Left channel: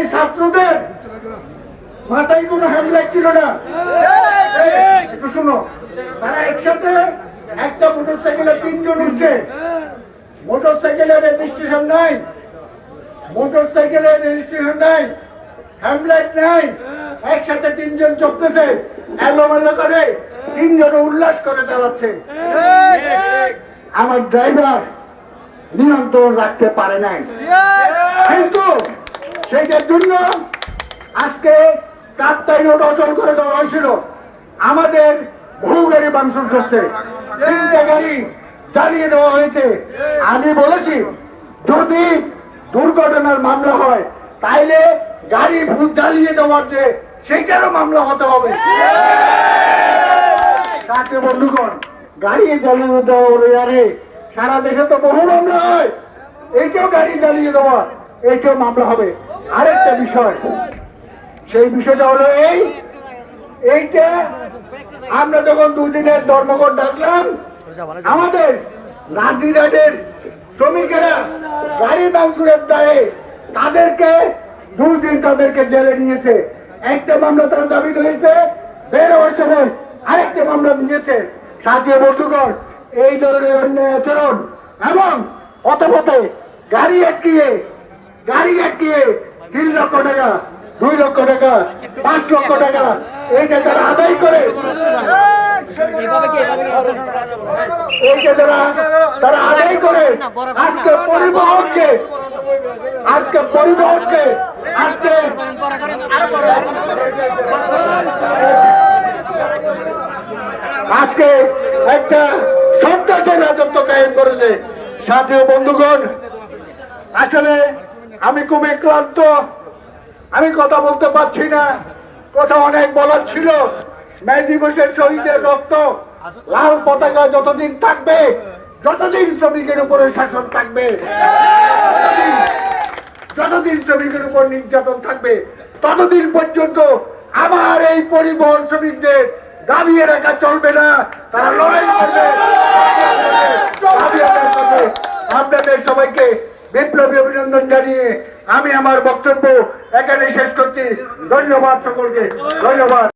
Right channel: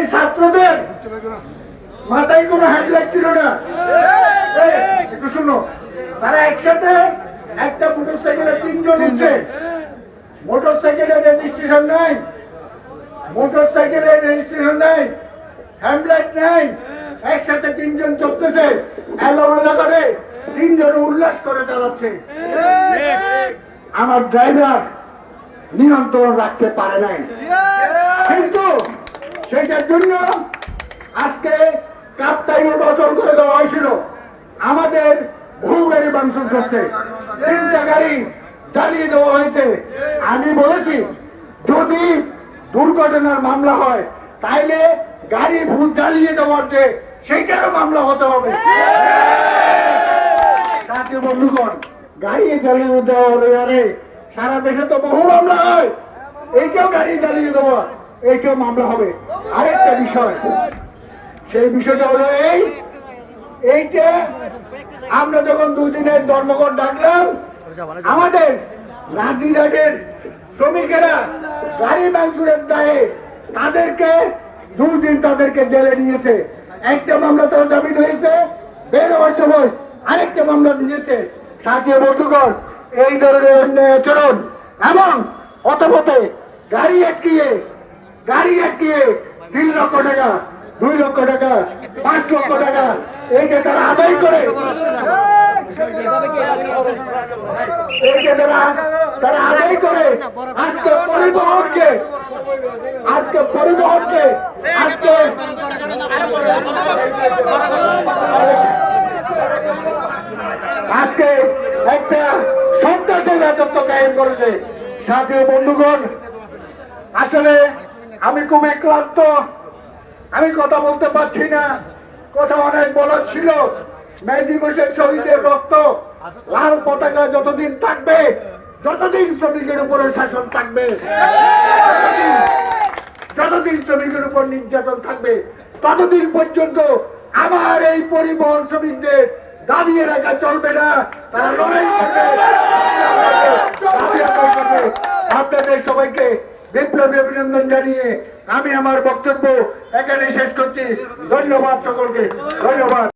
এই ছাত্রদের মাথায় কোনো হ্যান্ডব্যাগ ছিল না। একটু শুনো। তারা একসাথে একটা মোটর সাইকেলে তিনজন উঠছে। মোটর সাইকেলে রেজিস্ট্রেশন নাই। মোটর রেজিস্ট্রেশন নাই। নাই। একসাথে তিনজন করে তিনজন উল্লাস করে চালাচ্ছে। আমার ড্রাইভার নিয়ন্ত্রণ রাখতে পারে নাই। কিন্তু সেটার জন্য আজকে কাপ্তাই রোড অচল করে দেওয়া হয়েছিল। আমাদের বহু গাড়ি মাংস করছে তিনটা গাড়ি চালিয়ে দেওয়া হয়েছে। আমি বলেছি, যদি দুর্ঘটনার মামলা হয়, তাইলে গাড়ি ভূত জ্বালিয়ে দেওয়ার যে, সেইটারও মামলা হতে হবে। তাতে বন্ধুগণ, গাড়ি চালিয়ে দেওয়ার সারা দেশে তো বহু মামলা হয়। এইটাও গাড়ি চালিয়ে দেওয়া। এইটাও মামলা হবে। আরেকটা বিষয়, সেই বিষয়টা হলো এই, এইটা আমরা যখন দুদিনের ধর্মঘট ডাকলাম, আমাদের রাজিরাটের শ্রমিকেরা গাড়ি মাংসুরের দায়ে তাদেরকে, দুদিন তাদেরকে জেলে নিয়েছে। একটা মামলা তারা জামিন হয়েছে, বের হওয়ার সময় আরেকটা মামলা নিয়েছে। সাথে বন্ধুগণ, এই ধরনের আচরণ এবং অতপথে গাড়ি আটকিয়ে গাড়ি আটকিয়ে তিন লক্ষ টাকা, দুই লক্ষ টাকা, পাঁচ লক্ষ টাকা এইটা তারা আদায় করে তারা আদায় করে, আজকে পরিবহনকে আজকে পরিবহনকে, আজকে আজকে একটা সন্ত্রাসের রাজত্ব কায়েম করেছে। সাথীয় বন্ধুগণ, আসলে আমি খুবই ক্লান্ত। আমি কথা বলতে পারছি না। কথা অনেক বলার ছিল। মে দিবসের শহীদের রক্ত লাল পতাকা যতদিন থাকবে যতদিন শ্রমিকের উপরে শাসন থাকবে যতদিন শ্রমিকের উপর নির্যাতন থাকবে ততদিন পর্যন্ত আমার এই পরিবহন শ্রমিকদের দাবিয়ে রাখা চলবে না। তারা লড়াই করবে। আপনাদের সবাইকে বিপ্লবী অভিনন্দন জানিয়ে আমি আমার বক্তব্য এখানে শেষ করছি। ধন্যবাদ সকলকে। ধন্যবাদ।